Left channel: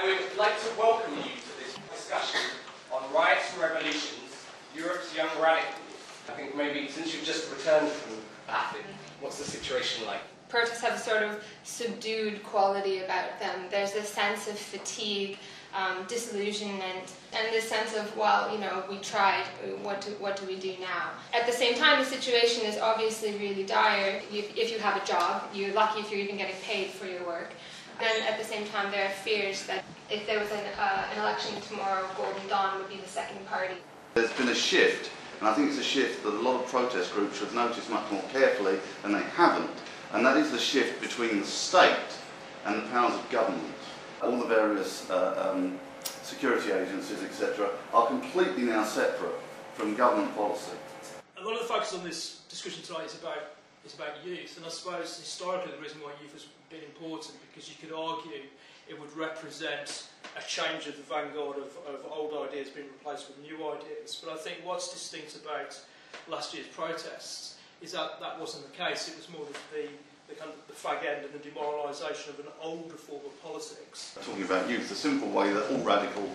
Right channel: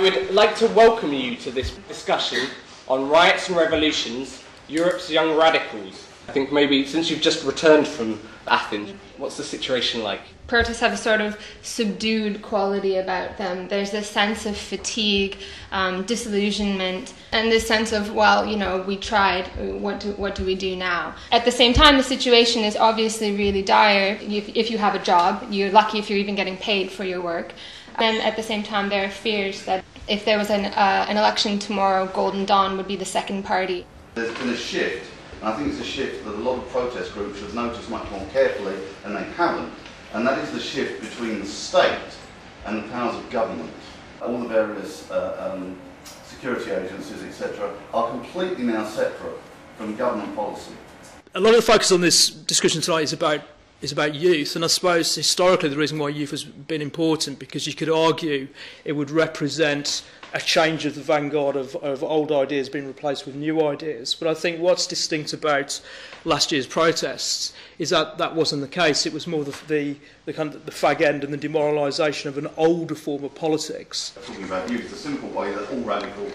I would like to welcome you to this discussion on Riots and Revolutions, Europe's Young Radicals. I think maybe since you've just returned from Athens, what's the situation like? Protests have a sort of subdued quality about them. There's this sense of fatigue, disillusionment, and this sense of, well, you know, we tried, what do we do now? At the same time, the situation is obviously really dire. If you have a job, you're lucky if you're even getting paid for your work. And at the same time, there are fears that if there was an election tomorrow, Golden Dawn would be the second party. There's been a shift, and I think it's a shift that a lot of protest groups have noticed much more carefully, and they haven't. And that is the shift between the state and the powers of government. All the various security agencies, etc., are completely now separate from government policy. A lot of the focus on this discussion tonight is about youth, and I suppose historically the reason why youth has been important, because you could argue it would represent a change of the vanguard of old ideas being replaced with new ideas. But I think what's distinct about last year's protests is that that wasn't the case. It was more the kind of the fag end and the demoralisation of an older form of politics. Talking about youth, the simple way that all radical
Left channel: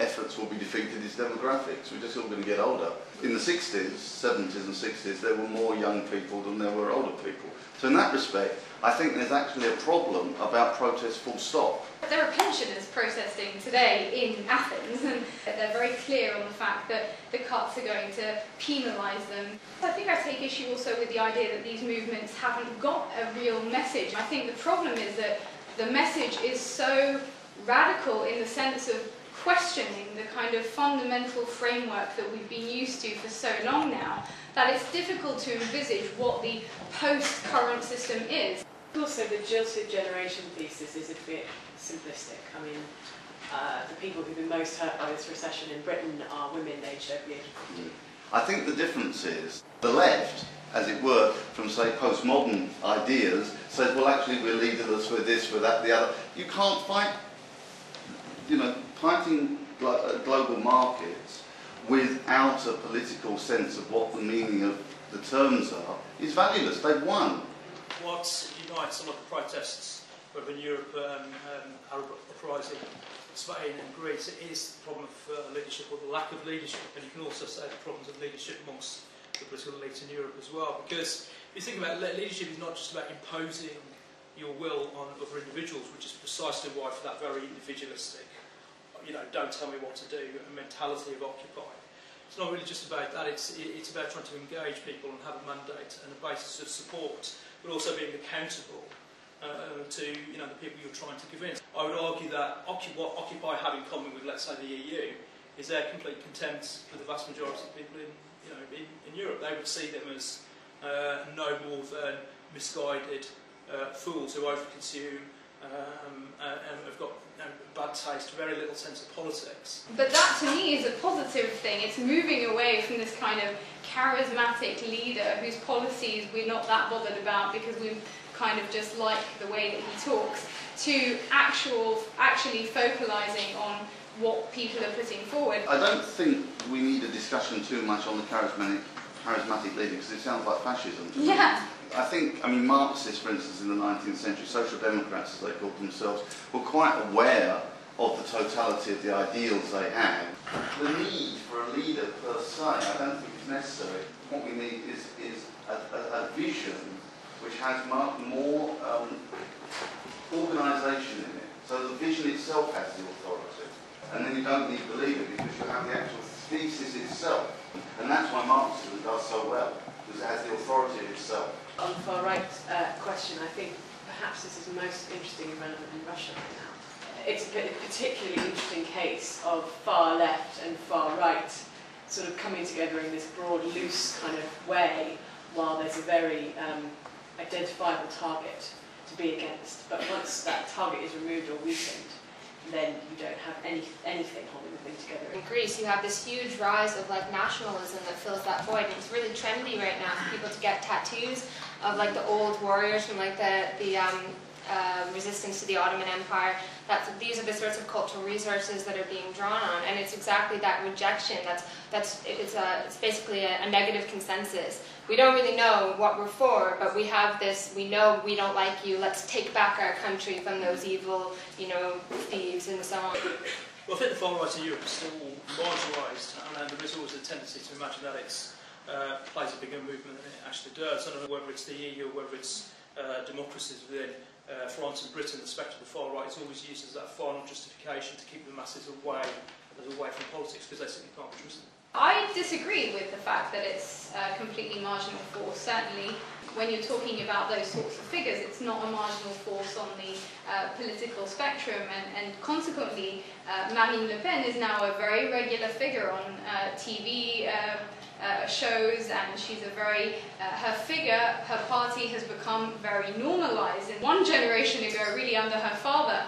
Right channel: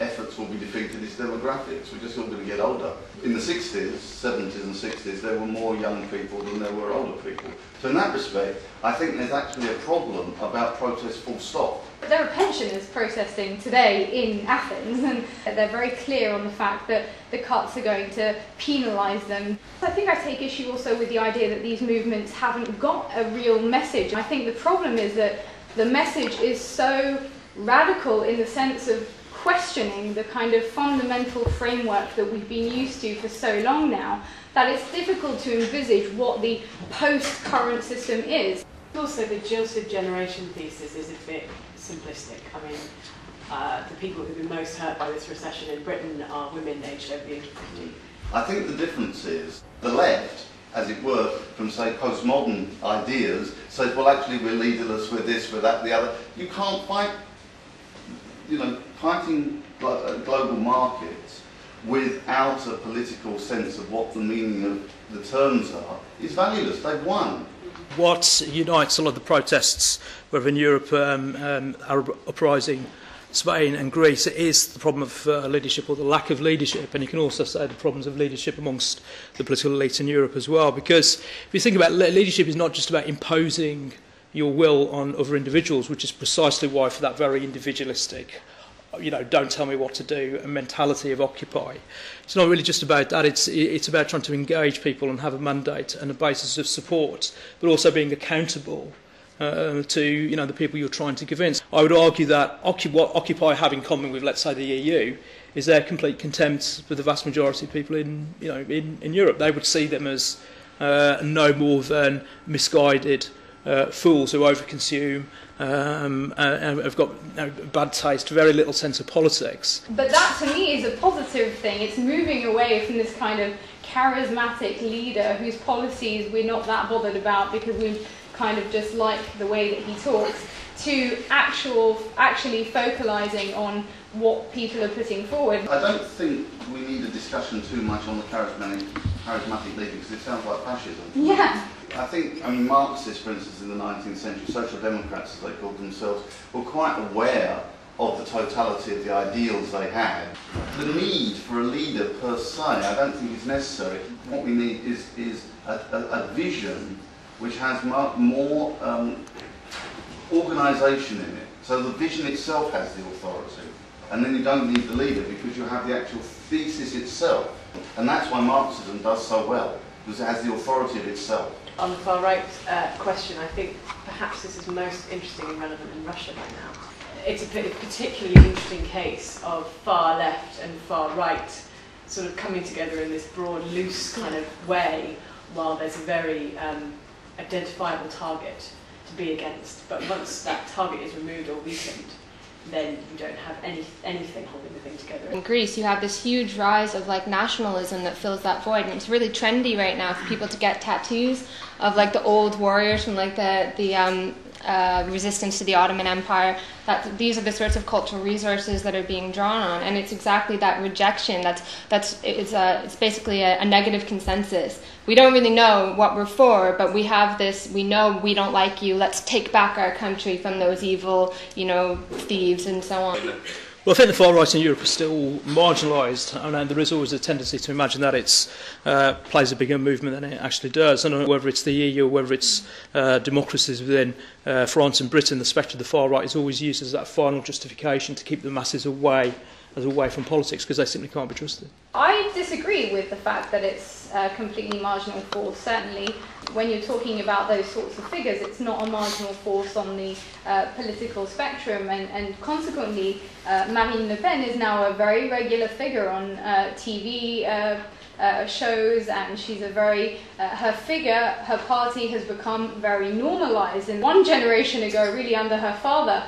efforts will be defeated is demographics. We're just all going to get older. In the 60s, 70s and 60s, there were more young people than there were older people. So in that respect, I think there's actually a problem about protest full stop. There are pensioners protesting today in Athens, and they're very clear on the fact that the cuts are going to penalise them. I think I take issue also with the idea that these movements haven't got a real message. I think the problem is that the message is so radical in the sense of questioning the kind of fundamental framework that we've been used to for so long now, that it's difficult to envisage what the post-current system is. Also, the jilted generation thesis is a bit simplistic. I mean, the people who've been most hurt by this recession in Britain are women aged over the age of 50. I think the difference is the left, as it were, from, say, postmodern ideas, says, well, actually, we're leaderless, we're this, we're that, the other. You can't fight, you know, fighting global markets without a political sense of what the meaning of the terms are is valueless. They've won. What unites a lot of the protests, whether in Europe, Arab uprising, Spain and Greece, it is the problem of leadership, or the lack of leadership, and you can also say the problems of leadership amongst the political elite in Europe as well, because if you think about it, leadership is not just about imposing your will on other individuals, which is precisely why, for that very individualistic, you know, don't tell me what to do, a mentality of Occupy. It's not really just about that, it's about trying to engage people and have a mandate and a basis of support, but also being accountable to, you know, the people you're trying to convince. I would argue that what Occupy have in common with, let's say, the EU is their complete contempt for the vast majority of people in Europe. They would see them as no more than misguided fools who overconsume, and have got bad taste, very little sense of politics. But that to me is a positive thing. It's moving away from this kind of charismatic leader whose policies we're not that bothered about because we kind of just like the way that he talks, to actually focalising on what people are putting forward. I don't think we need a discussion too much on the charismatic leader, because it sounds like fascism. Yeah. I mean, Marxists, for instance, in the 19th century, social democrats, as they called themselves, were quite aware of the totality of the ideals they had. The need for a leader per se, I don't think is necessary. What we need is a vision which has more organisation in it. So the vision itself has the authority. And then you don't need the leader, because you have the actual thesis itself. And that's why Marxism does so well, because it has the authority of itself. On the far right question, I think perhaps this is most interesting and relevant in Russia right now. It's a particularly interesting case of far left and far right sort of coming together in this broad, loose kind of way, while there's a very identifiable target to be against. But once that target is removed or weakened, then you don't have anything holding the thing together. In Greece, you have this huge rise of like nationalism that fills that void, and it's really trendy right now for people to get tattoos of like the old warriors from like the resistance to the Ottoman Empire. That these are the sorts of cultural resources that are being drawn on, and it's exactly that rejection. It's basically a negative consensus. We don't really know what we're for, but we have this. We know we don't like you. Let's take back our country from those evil, thieves and so on. Well, I think the far right in Europe is still marginalised, and there is always a tendency to imagine that it plays a bigger movement than it actually does. I don't know whether it's the EU or whether it's democracies within France and Britain, the spectre of the far right is always used as that final justification to keep the masses away from politics, because they simply can't be trusted. I disagree with the fact that it's a completely marginal force. Certainly, when you're talking about those sorts of figures, it's not a marginal force on the political spectrum, and consequently, Marine Le Pen is now a very regular figure on TV shows, and she's a very, her party has become very normalised. And one generation ago, really under her father,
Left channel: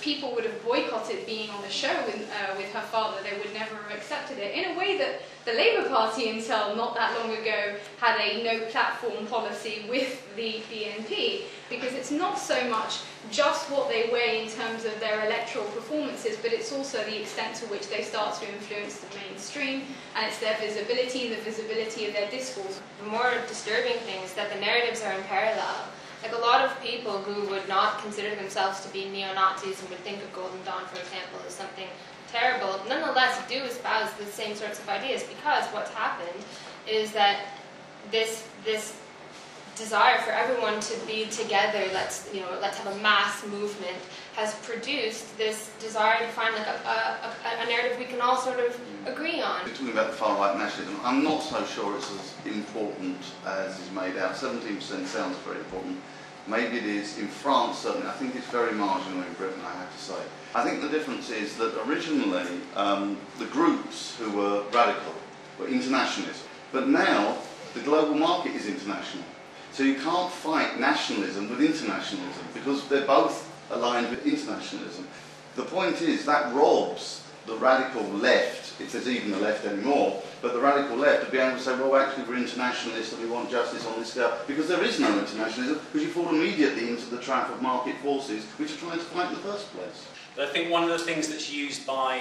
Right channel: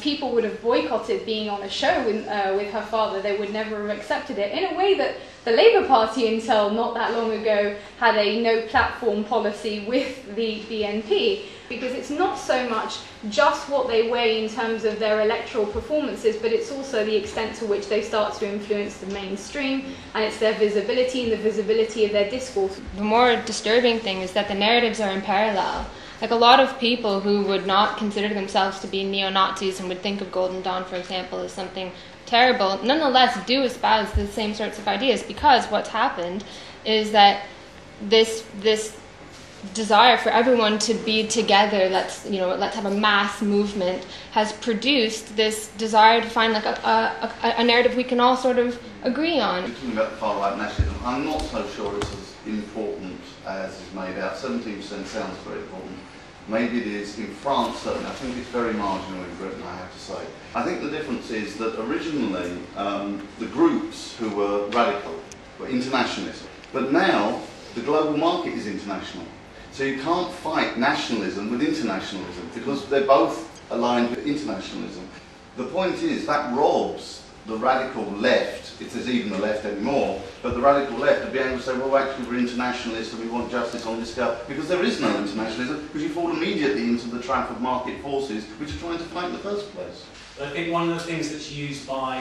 people would have boycotted being on a show with her father. They would never have accepted it, in a way that the Labour Party until not that long ago had a no-platform policy with the BNP, because it's not so much just what they weigh in terms of their electoral performances, but it's also the extent to which they start to influence the mainstream, and it's their visibility and the visibility of their discourse. The more disturbing thing is that the narratives are in parallel. Like, a lot of people who would not consider themselves to be neo-Nazis and would think of Golden Dawn, for example, as something terrible, nonetheless do espouse the same sorts of ideas, because what's happened is that this desire for everyone to be together, let's have a mass movement, has produced this desire to find like a narrative we can all sort of agree on. We're talking about the far right nationalism. I'm not so sure it's as important as is made out. 17% sounds very important. Maybe it is in France, certainly. I think it's very marginal in Britain, I have to say. I think the difference is that originally the groups who were radical were internationalism, but now the global market is international. So you can't fight nationalism with internationalism, because they're both aligned with internationalism. The point is that robs the radical left, if there's even a left anymore, but the radical left of being able to say, well, actually we're internationalists and we want justice on this scale, because there is no internationalism, because you fall immediately into the trap of market forces which are trying to fight in the first place. I think one of the things that's used by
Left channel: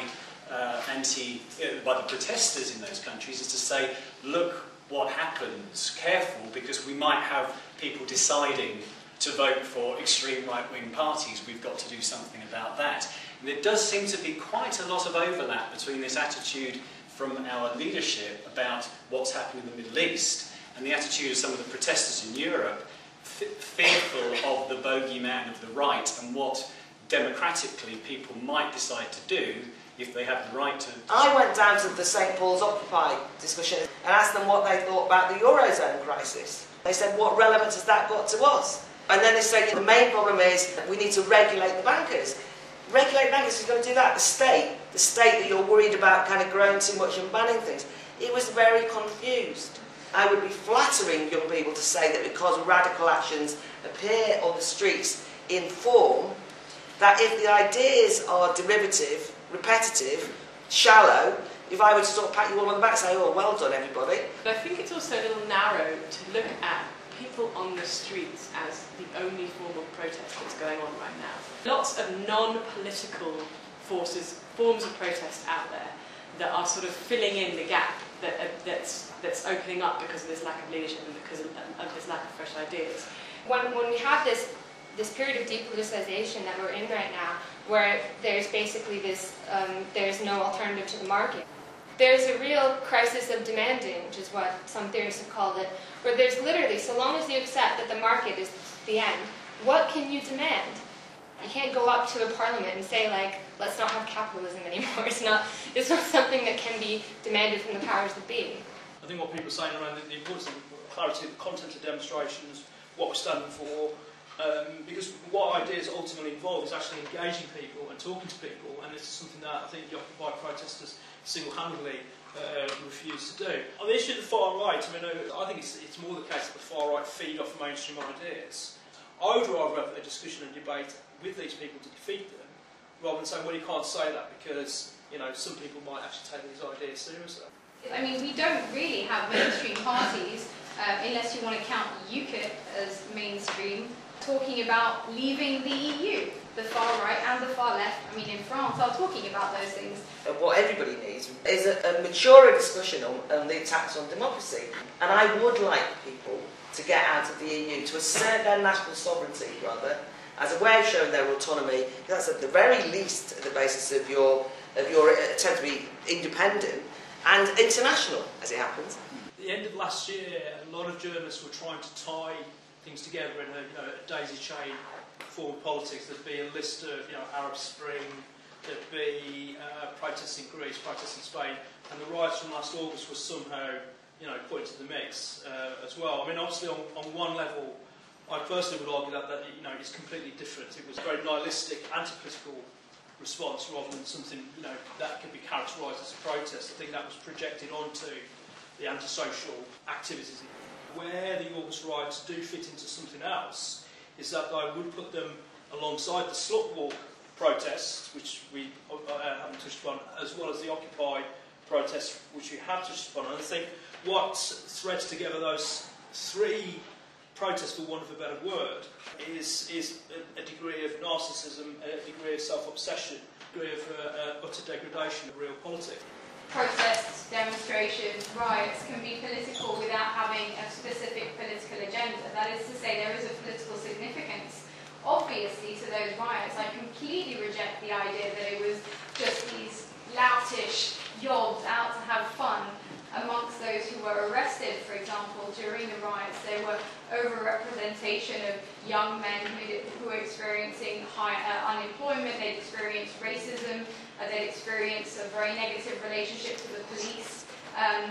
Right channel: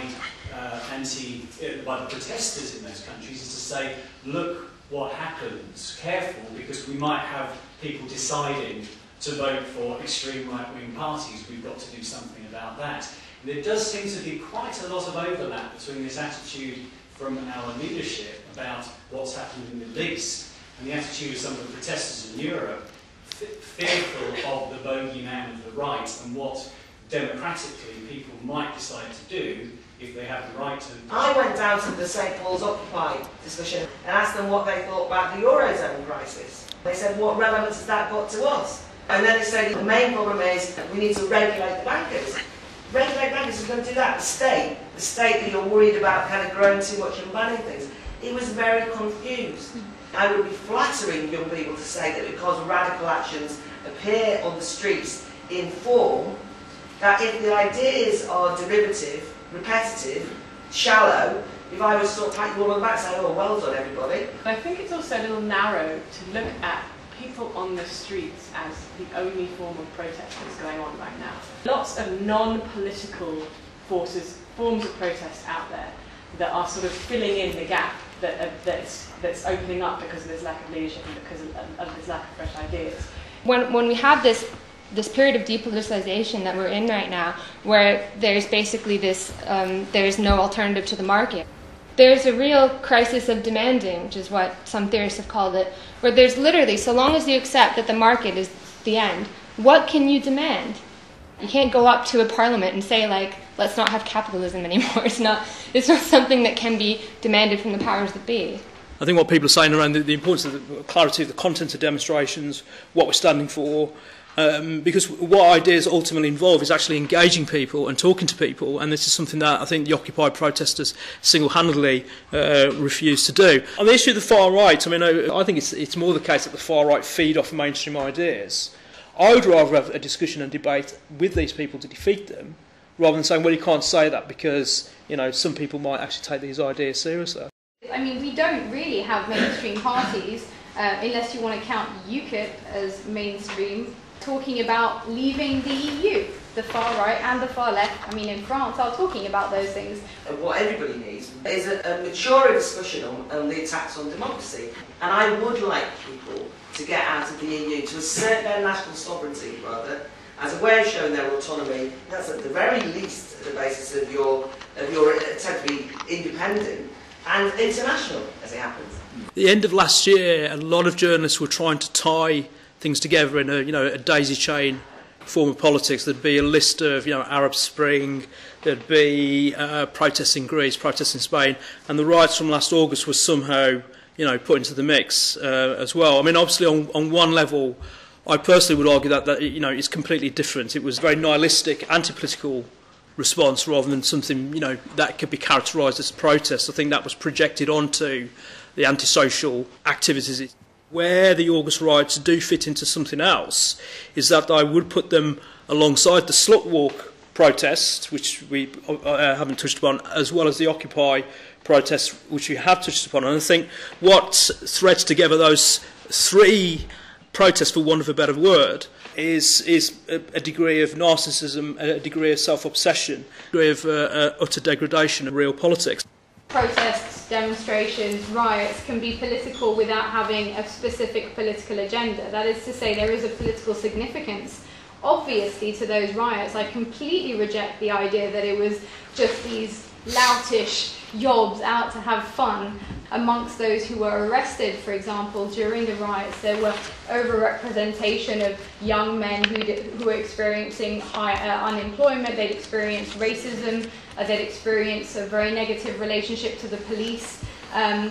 the protesters in those countries is to say, look what happens, careful, because we might have people deciding to vote for extreme right-wing parties. We've got to do something about that. And there does seem to be quite a lot of overlap between this attitude from our leadership about what's happening in the Middle East and the attitude of some of the protesters in Europe, fearful of the bogeyman of the right and what democratically people might decide to do if they have the right to. I went down to the St Paul's Occupy discussion and asked them what they thought about the Eurozone crisis. They said, what relevance has that got to us? And then they said, the main problem is we need to regulate the bankers. Regulate bankers, who's going to do that? The state that you're worried about kind of growing too much and banning things. It was very confused. I would be flattering young people to say that because radical actions appear on the streets in form, that if the ideas are derivative, repetitive, shallow, if I were to sort of pat you all on the back and say, oh, well done, everybody. But I think it's also a little narrow to look at people on the streets as the only form of protest that's going on right now. Lots of non-political forms of protest out there that are sort of filling in the gap that's opening up because of this lack of leadership and because of this lack of fresh ideas. When we have this period of depoliticization that we're in right now, where there's basically this, there's no alternative to the market. There's a real crisis of demanding, which is what some theorists have called it, where there's literally, so long as you accept that the market is the end, what can you demand? You can't go up to a parliament and say, like, let's not have capitalism anymore. It's not something that can be demanded from the powers that be. I think what people are saying around the importance of the clarity of the content of demonstrations, what we're standing for, because what ideas ultimately involve is actually engaging people and talking to people, and this is something that I think the Occupy protesters single-handedly refuse to do. On the issue of the far right, I mean, I think it's more the case that the far right feed off mainstream ideas. I would rather have a discussion and debate with these people to defeat them, rather than saying, well, you can't say that because, you know, some people might actually take these ideas seriously. I mean, we don't really have mainstream parties, unless you want to count UKIP as mainstream. talking about leaving the EU. The far right and the far left, I mean in France, are talking about those things. What everybody needs is a maturer discussion on the attacks on democracy. And I would like people to get out of the EU, to assert their national sovereignty, rather, as a way of showing their autonomy. That's at the very least the basis of your attempt to be independent and international, as it happens. At the end of last year, a lot of journalists were trying to tie things together in a daisy chain form of politics. There'd be a list of Arab Spring, there'd be protests in Greece, protests in Spain, and the riots from last August were somehow put into the mix as well. I mean, obviously on one level, I personally would argue that it's completely different. It was a very nihilistic, anti-political response rather than something that could be characterised as a protest. I think that was projected onto the antisocial activities. Where the August riots do fit into something else is that I would put them alongside the Slut Walk protests, which we haven't touched upon, as well as the Occupy protests, which we have touched upon. And I think what threads together those three protests, for want of a better word, is a degree of narcissism, a degree of self-obsession, a degree of utter degradation of real politics. Protests, demonstrations, riots can be political without having a specific political agenda. That is to say, there is a political significance, obviously, to those riots. I completely reject the idea that it was just these loutish yobs out to have fun. Amongst those who were arrested, for example, during the riots, there were overrepresentation of young men who were experiencing high unemployment. They'd experienced racism. They'd experienced a very negative relationship to the police.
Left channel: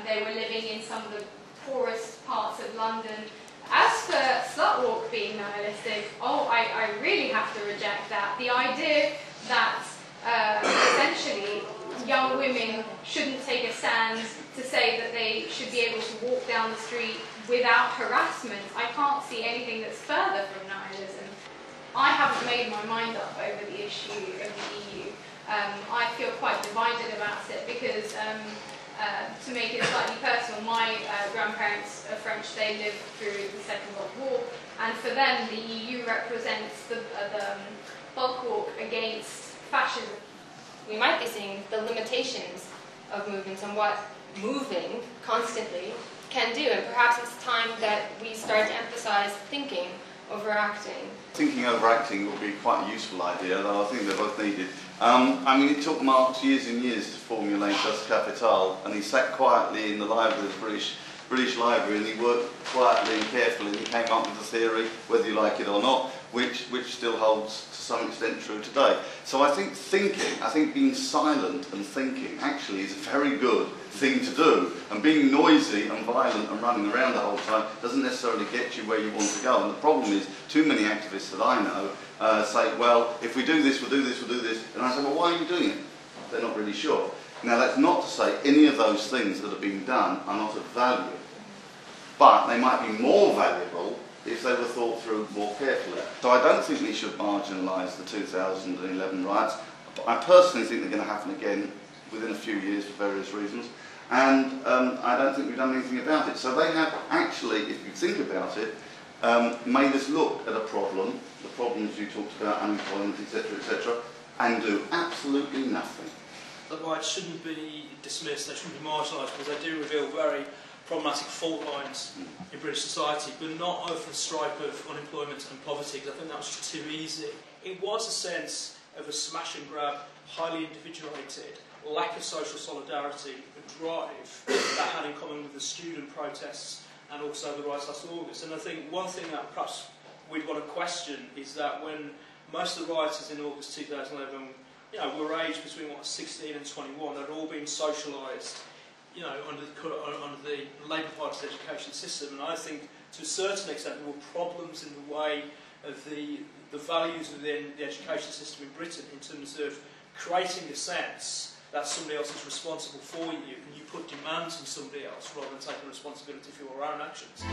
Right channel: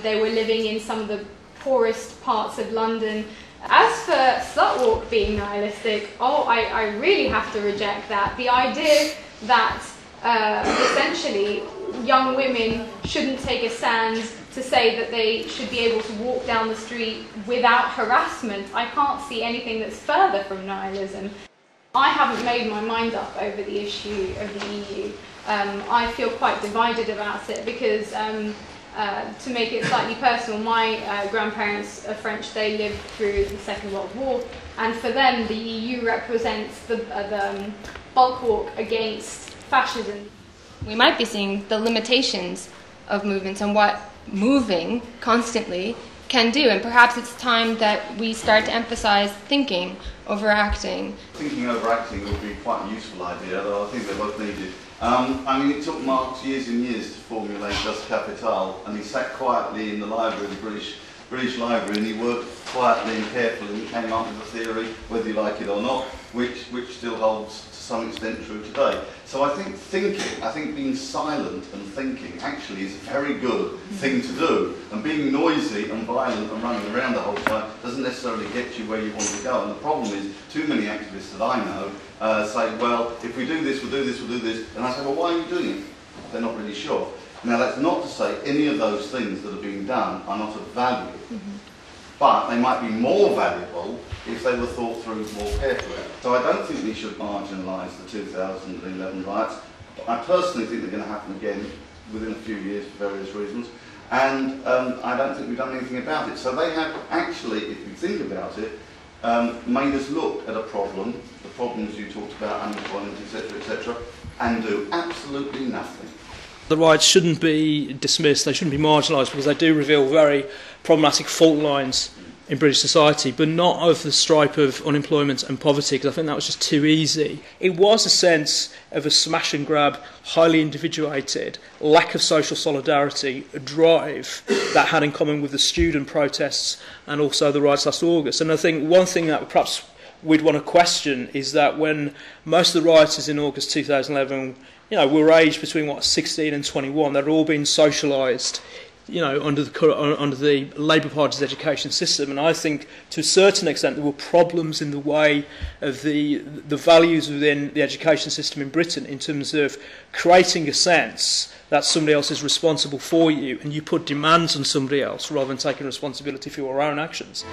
They were living in some of the poorest parts of London. As for Slut Walk being nihilistic, I really have to reject that. The idea that essentially young women shouldn't take a stand to say that they should be able to walk down the street without harassment, I can't see anything that's further from nihilism. I haven't made my mind up over the issue of the EU. I feel quite divided about it because, to make it slightly personal, my grandparents are French. They lived through the Second World War, and for them the EU represents the bulk walk against fascism. We might be seeing the limitations of movements and what moving constantly can do, and perhaps it's time that we start to emphasise thinking over acting. Thinking over acting would be quite a useful idea, though I think they're both needed. I mean, it took Marx years and years to formulate Das Kapital, and he sat quietly in the library, the British Library, and he worked quietly and carefully and came up with a theory, whether you like it or not, which still holds to some extent true today. So I think being silent and thinking actually is a very good thing to do. And being noisy and violent and running around the whole time doesn't necessarily get you where you want to go. And the problem is, too many activists that I know say, well, if we do this, we'll do this, we'll do this. And I say, well, why are you doing it? They're not really sure. Now, that's not to say any of those things that are being done are not of value, but they might be more valuable if they were thought through more carefully. So I don't think we should marginalise the 2011 riots. I personally think they're going to happen again within a few years for various reasons, and I don't think we've done anything about it. So they have actually, if you think about it, made us look at a problem, the problems you talked about, unemployment, etc., and do absolutely nothing. The riots shouldn't be dismissed, they shouldn't be marginalised, because they do reveal very problematic fault lines in British society, but not of the stripe of unemployment and poverty, because I think that was just too easy. It was a sense of a smash and grab, highly individuated, lack of social solidarity, a drive that had in common with the student protests and also the riots last August. And I think one thing that perhaps we'd want to question is that when most of the rioters in August 2011 were aged between 16 and 21, they'd all been socialised under the Labour Party's education system, and I think to a certain extent there were problems in the way of the values within the education system in Britain in terms of creating a sense that somebody else is responsible for you, and you put demands on somebody else rather than taking responsibility for your own actions.